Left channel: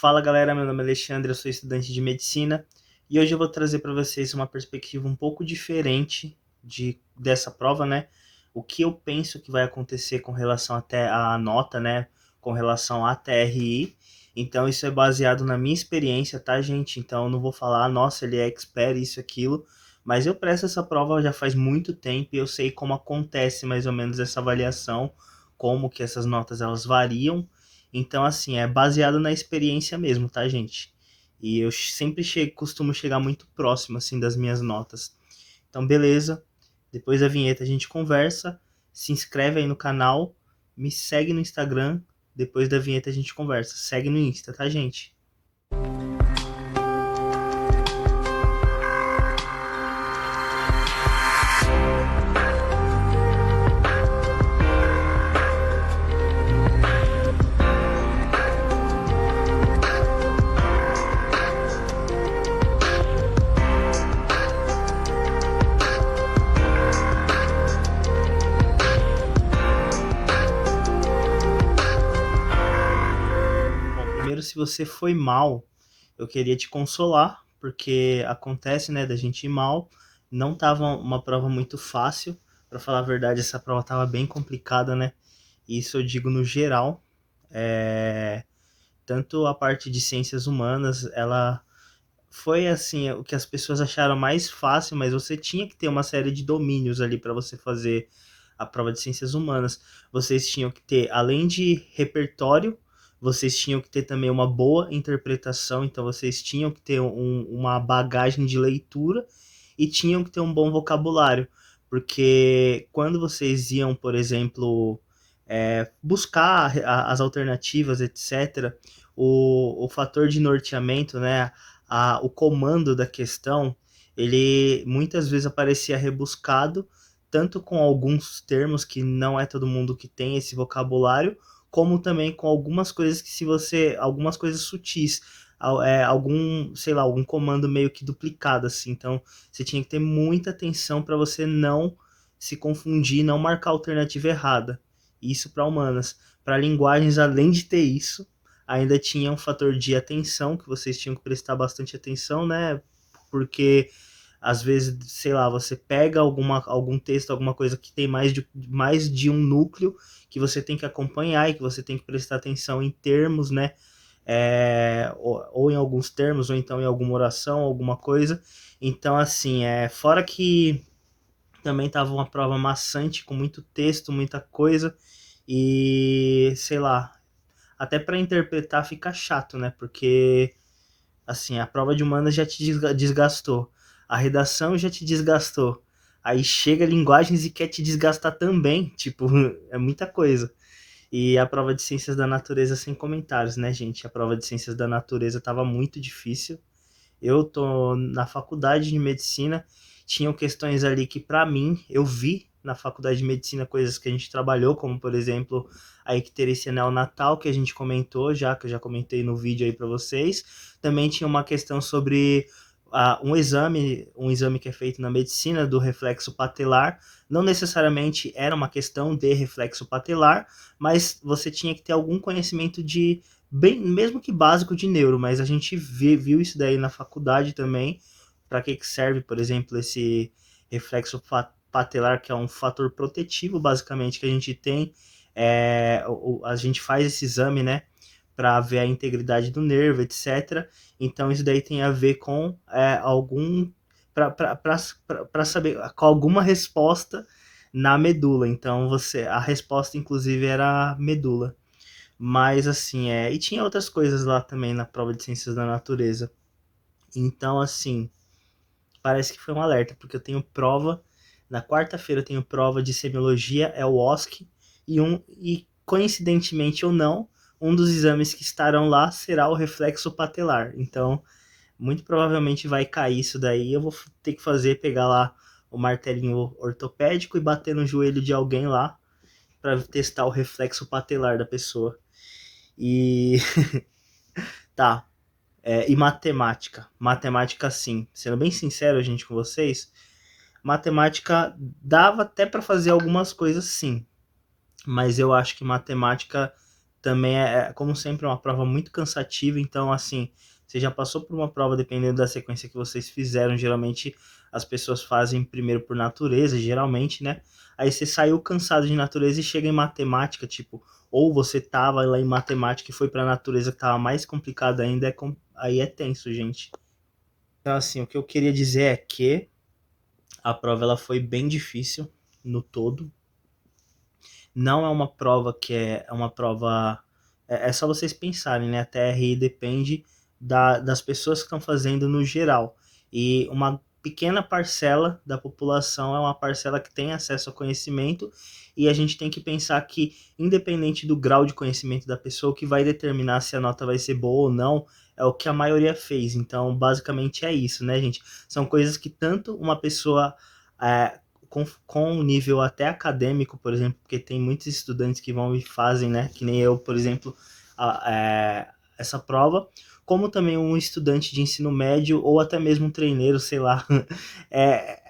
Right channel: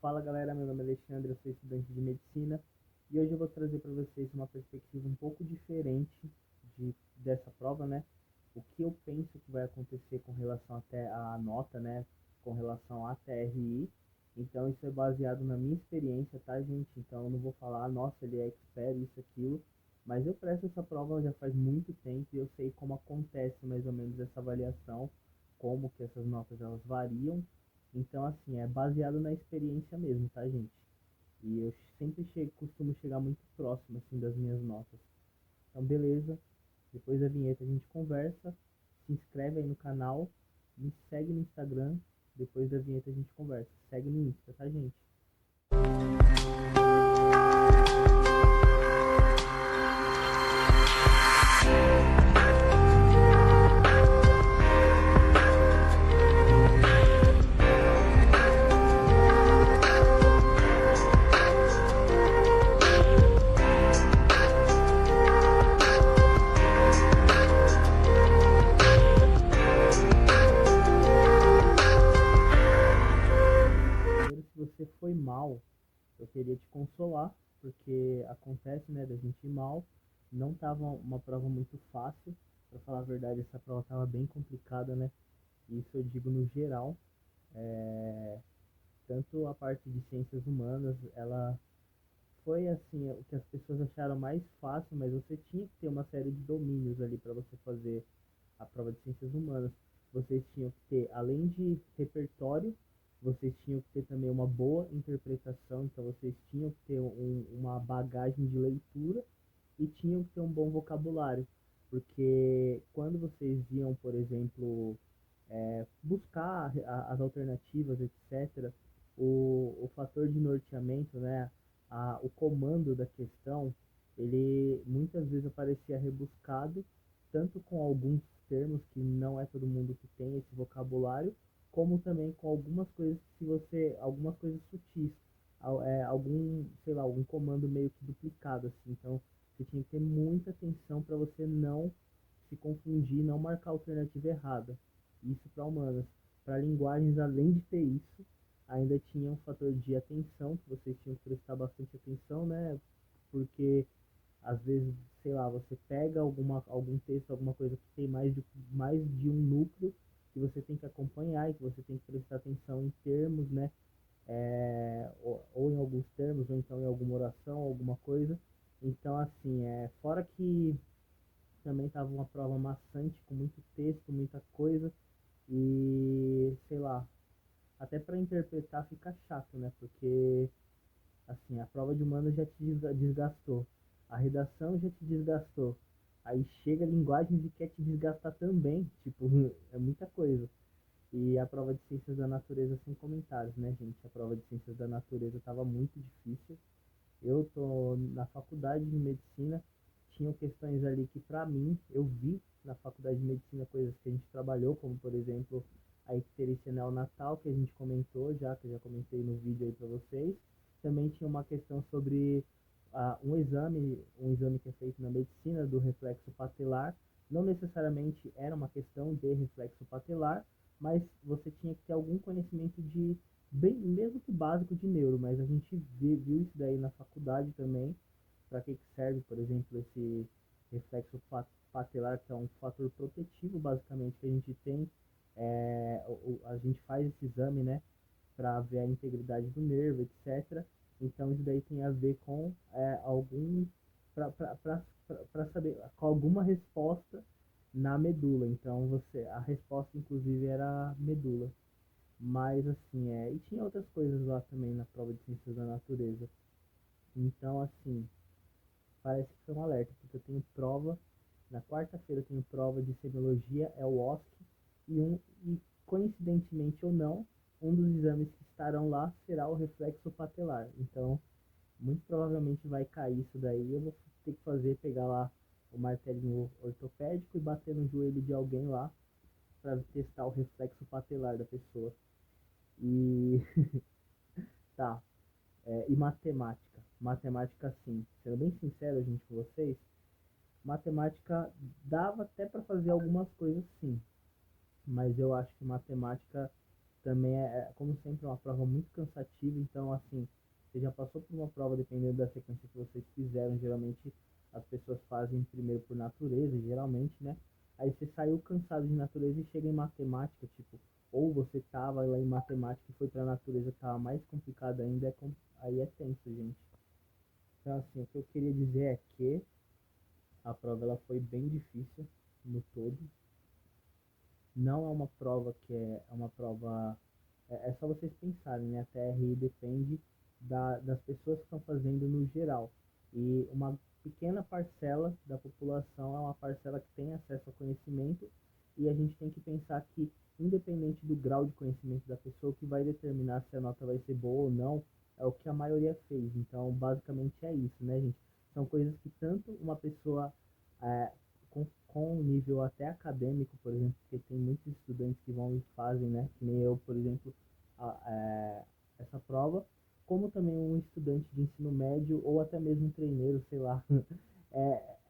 Fala galera, meu nome é Alexandre, eu sou estudante de medicina e hoje eu vou trazer para vocês uma perspectiva um pouco diferente dessa prova, né? O que eu penso que vai acontecer com relação até à nota, né? Com relação à TRI. Então isso é baseado na minha experiência, tá, gente? Então eu não vou falar, nossa, ele é expert, isso, aquilo. Mas eu presto essa prova já faz muito tempo e eu sei como acontece mais ou menos essa avaliação, como que essas notas elas variam. Então, assim, é baseado na experiência mesmo, tá, gente? E eu sempre costumo chegar muito próximo, assim, das minhas notas. Então, beleza. Depois da vinheta a gente conversa. Se inscreve aí no canal. Me segue no Instagram. Depois da vinheta a gente conversa. Segue no Insta, tá, gente? Primeiro, se você foi mal, eu queria te consolar, porque acontece, né, da gente ir mal. Não tava uma prova muito fácil, para falar a verdade, essa prova tava bem complicada, né? Isso eu digo no geral. É... Tanto a parte de ciências humanas, ela foi assim, o que as pessoas acharam mais fácil, mas você tinha que ter uma série de domínios ali para você fazer a prova de ciências humanas. Vocês tinham que ter, além de repertório, vocês tinham que ter também uma boa interpretação, então vocês tinham que ter uma bagagem de leitura e tinham que ter um bom vocabulário, porque quando vocês iam, por exemplo, buscar as alternativas, etc., o fator de norteamento, né, o comando da questão, ele muitas vezes aparecia rebuscado, tanto com alguns termos que não é todo mundo que tem esse vocabulário, como também com algumas coisas que se você, algumas coisas sutis, algum, sei lá, algum comando meio que duplicado assim. Então, você tinha que ter muita atenção para você não se confundir, não marcar a alternativa errada. Isso para humanas. Para linguagens, além de ter isso, ainda tinha um fator de atenção, que vocês tinham que prestar bastante atenção, né? Porque às vezes, sei lá, você pega algum texto, alguma coisa que tem mais de um núcleo que você tem que acompanhar e que você tem que prestar atenção em termos, né? Ou em alguns termos, ou então em alguma oração, alguma coisa. Então, assim, fora que também estava uma prova maçante, com muito texto, muita coisa, e sei lá, até para interpretar fica chato, né? Porque assim, a prova de humanas já te desgastou, a redação já te desgastou. Aí chega linguagens e quer te desgastar também, tipo, é muita coisa. E a prova de ciências da natureza sem comentários, né, gente? A prova de ciências da natureza tava muito difícil. Eu tô na faculdade de medicina, tinham questões ali que para mim eu vi na faculdade de medicina coisas que a gente trabalhou, como por exemplo a icterícia neonatal que a gente comentou já, que eu já comentei no vídeo aí para vocês. Também tinha uma questão sobre um exame que é feito na medicina do reflexo patelar. Não necessariamente era uma questão de reflexo patelar, mas você tinha que ter algum conhecimento de bem, mesmo que básico de neuro, mas a gente viu isso daí na faculdade também, para que serve, por exemplo, esse reflexo patelar, que é um fator protetivo, basicamente, que a gente tem, a gente faz esse exame, né, para ver a integridade do nervo, etc. Então isso daí tem a ver com algum, para saber com alguma resposta na medula. Então a resposta inclusive era a medula. Mas assim, e tinha outras coisas lá também na prova de ciências da natureza. Então, assim, parece que foi um alerta, porque eu tenho prova, na quarta-feira eu tenho prova de semiologia, é o OSCE, e coincidentemente ou não, um dos exames que estarão lá será o reflexo patelar. Então, muito provavelmente vai cair isso daí, eu vou ter que pegar lá o martelinho ortopédico e bater no joelho de alguém lá para testar o reflexo patelar da pessoa. E tá, e matemática. Matemática, sim. Sendo bem sincero, gente, com vocês, matemática dava até para fazer algumas coisas, sim. Mas eu acho que matemática também como sempre, uma prova muito cansativa, então, assim, você já passou por uma prova, dependendo da sequência que vocês fizeram, geralmente as pessoas fazem primeiro por natureza, geralmente, né? Aí você saiu cansado de natureza e chega em matemática, tipo, ou você tava lá em matemática e foi pra natureza que tava mais complicado ainda, aí é tenso, gente. Então, assim, o que eu queria dizer é que a prova ela foi bem difícil no todo. Não é uma prova que é uma prova. É só vocês pensarem, né? A TRI depende das pessoas que estão fazendo no geral. E uma pequena parcela da população é uma parcela que tem acesso ao conhecimento. E a gente tem que pensar que, independente do grau de conhecimento da pessoa, o que vai determinar se a nota vai ser boa ou não é o que a maioria fez. Então, basicamente é isso, né, gente? São coisas que tanto uma pessoa é, com um nível até acadêmico, por exemplo, porque tem muitos estudantes que vão e fazem, né, que nem eu, por exemplo, essa prova, como também um estudante de ensino médio ou até mesmo um treineiro, sei lá.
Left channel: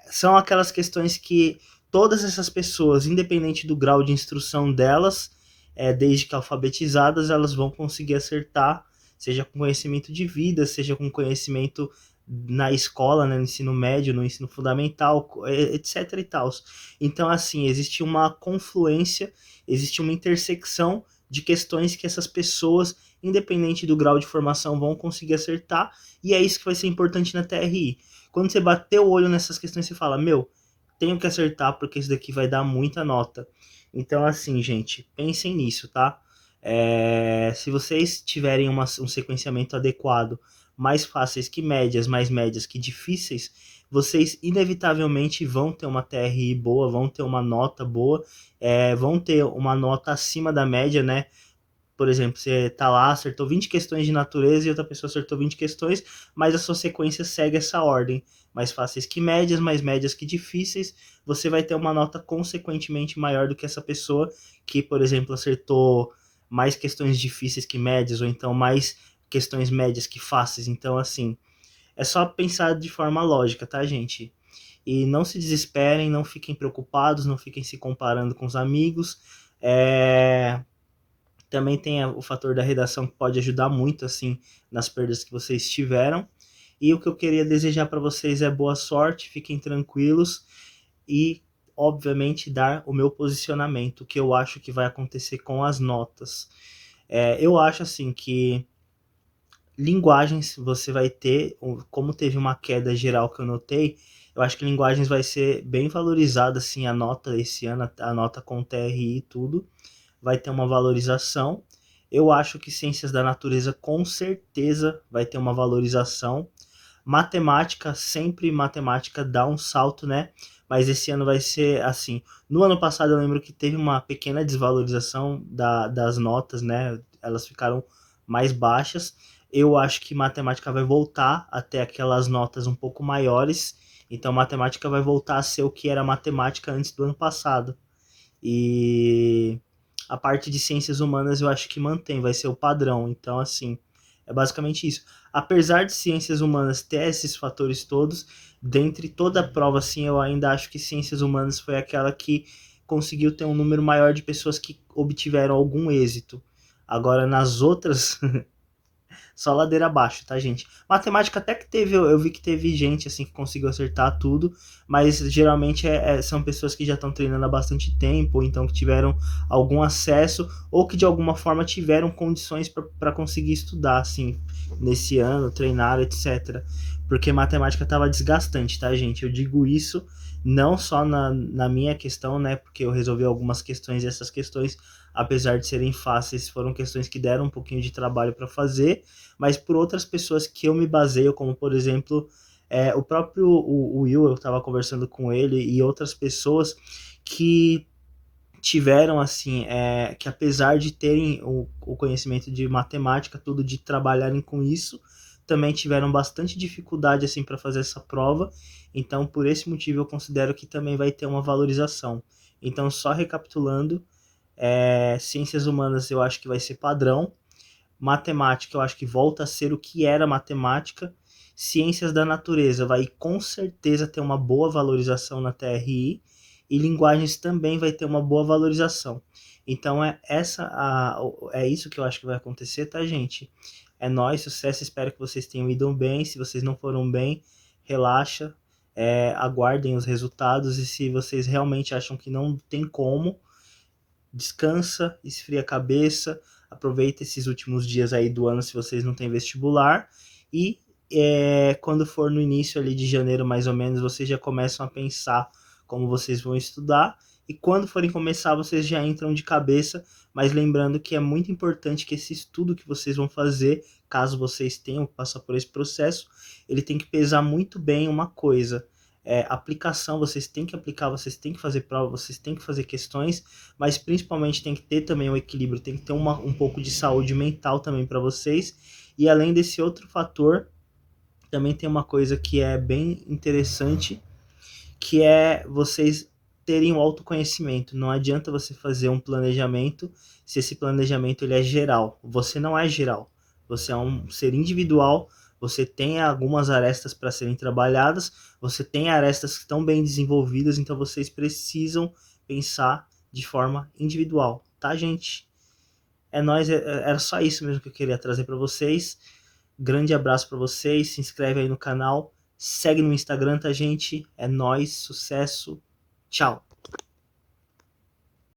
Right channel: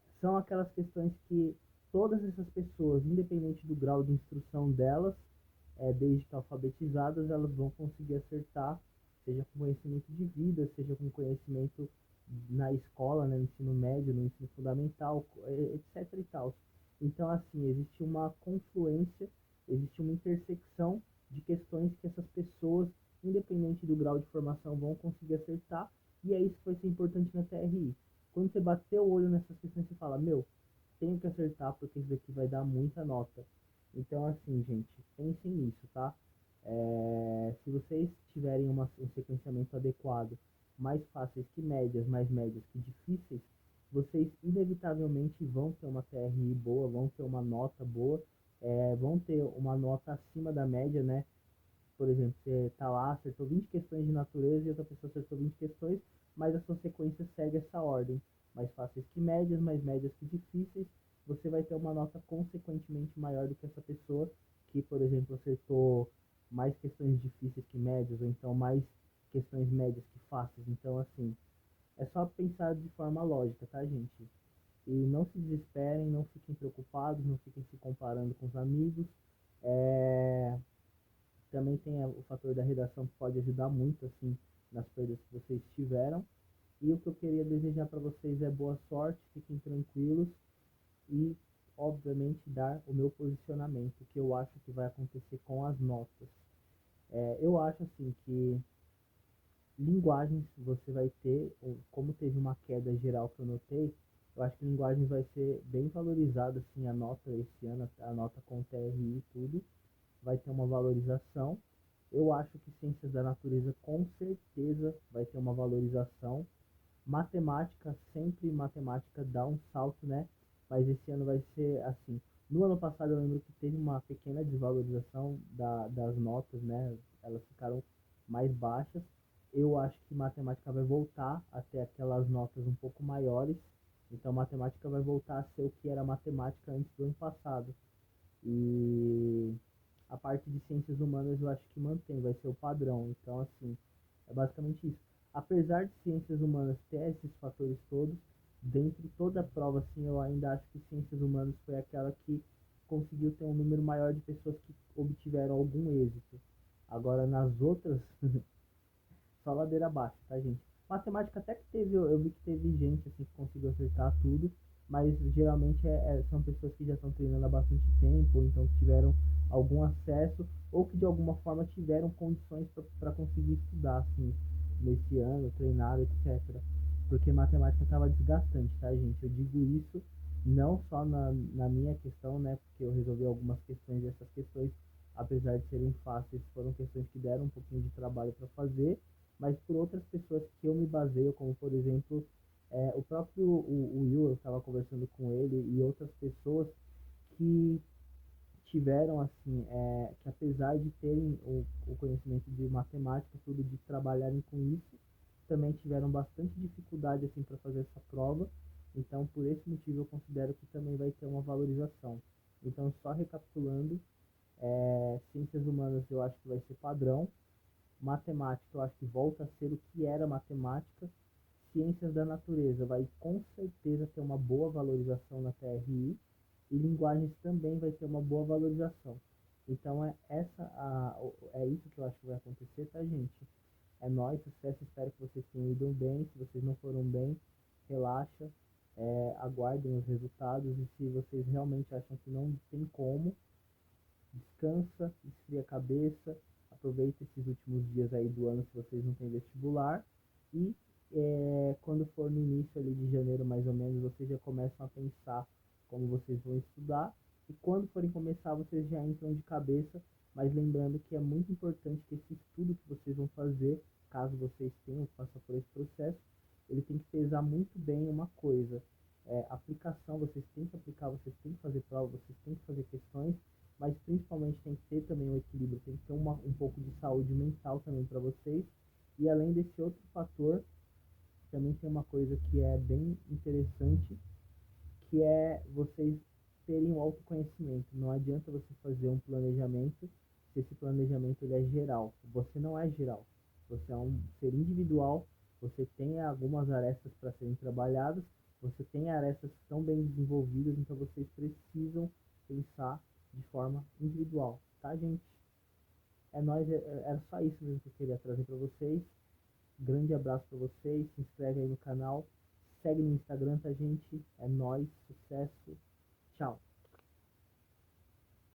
São aquelas questões que todas essas pessoas, independente do grau de instrução delas, desde que alfabetizadas, elas vão conseguir acertar, seja com conhecimento de vida, seja com conhecimento na escola, né, no ensino médio, no ensino fundamental, etc e tal. Então, assim, existe uma confluência, existe uma intersecção de questões que essas pessoas, independente do grau de formação, vão conseguir acertar, e é isso que vai ser importante na TRI. Quando você bater o olho nessas questões, você fala, meu, tenho que acertar porque isso daqui vai dar muita nota. Então, assim, gente, pensem nisso, tá? Se vocês tiverem um sequenciamento adequado, mais fáceis que médias, mais médias que difíceis, vocês inevitavelmente vão ter uma TRI boa, vão ter uma nota boa, vão ter uma nota acima da média, né? Por exemplo, você tá lá, acertou 20 questões de natureza e outra pessoa acertou 20 questões, mas a sua sequência segue essa ordem. Mais fáceis que médias, mais médias que difíceis, você vai ter uma nota consequentemente maior do que essa pessoa que, por exemplo, acertou mais questões difíceis que médias, ou então mais questões médias que fáceis. Então, assim, é só pensar de forma lógica, tá, gente? E não se desesperem, não fiquem preocupados, não fiquem se comparando com os amigos. Também tem o fator da redação que pode ajudar muito, assim, nas perdas que vocês tiveram. E o que eu queria desejar para vocês é boa sorte, fiquem tranquilos e, obviamente, dar o meu posicionamento, o que eu acho que vai acontecer com as notas. Eu acho, assim, que linguagens você vai ter, como teve uma queda geral que eu notei, eu acho que linguagens vai ser bem valorizada, assim, a nota esse ano, a nota com TRI e tudo vai ter uma valorização. Eu acho que ciências da natureza com certeza vai ter uma valorização. Matemática, sempre matemática dá um salto, né? Mas esse ano vai ser assim. No ano passado eu lembro que teve uma pequena desvalorização das notas, né? Elas ficaram mais baixas. Eu acho que matemática vai voltar até aquelas notas um pouco maiores. Então matemática vai voltar a ser o que era matemática antes do ano passado. E a parte de ciências humanas eu acho que mantém, vai ser o padrão. Então, assim, é basicamente isso. Apesar de ciências humanas ter esses fatores todos, dentre toda a prova, assim, eu ainda acho que ciências humanas foi aquela que conseguiu ter um número maior de pessoas que obtiveram algum êxito. Agora, nas outras, só ladeira abaixo, tá, gente? Matemática até que teve, eu vi que teve gente assim que conseguiu acertar tudo, mas geralmente são pessoas que já estão treinando há bastante tempo, ou então que tiveram algum acesso, ou que de alguma forma tiveram condições para conseguir estudar, assim, nesse ano, treinar, etc. Porque matemática estava desgastante, tá, gente? Eu digo isso não só na minha questão, né? Porque eu resolvi algumas questões e essas questões, apesar de serem fáceis, foram questões que deram um pouquinho de trabalho para fazer, mas por outras pessoas que eu me baseio, como por exemplo, o próprio o Will, eu estava conversando com ele e outras pessoas que tiveram assim, que apesar de terem o conhecimento de matemática, tudo de trabalharem com isso, também tiveram bastante dificuldade assim para fazer essa prova. Então, por esse motivo, eu considero que também vai ter uma valorização. Então, só recapitulando, ciências humanas eu acho que vai ser padrão, matemática eu acho que volta a ser o que era matemática, ciências da natureza vai com certeza ter uma boa valorização na TRI e linguagens também vai ter uma boa valorização. Então é isso que eu acho que vai acontecer, tá, gente? É nóis, sucesso, espero que vocês tenham ido bem. Se vocês não foram bem, relaxa, aguardem os resultados. E se vocês realmente acham que não tem como, descansa, esfria a cabeça, aproveita esses últimos dias aí do ano se vocês não têm vestibular. E quando for no início ali de janeiro, mais ou menos, vocês já começam a pensar como vocês vão estudar. E quando forem começar, vocês já entram de cabeça, mas lembrando que é muito importante que esse estudo que vocês vão fazer, caso vocês tenham que passar por esse processo, ele tem que pesar muito bem uma coisa. Aplicação, vocês têm que aplicar, vocês têm que fazer prova, vocês têm que fazer questões, mas principalmente tem que ter também um equilíbrio, tem que ter um pouco de saúde mental também para vocês. E além desse outro fator, também tem uma coisa que é bem interessante, que é vocês terem o autoconhecimento. Não adianta você fazer um planejamento se esse planejamento ele é geral. Você não é geral. Você é um ser individual, você tem algumas arestas para serem trabalhadas, você tem arestas que estão bem desenvolvidas, então vocês precisam pensar de forma individual, tá, gente? É nóis, era só isso mesmo que eu queria trazer para vocês. Grande abraço para vocês, se inscreve aí no canal, segue no Instagram, tá, gente? É nóis, sucesso, tchau!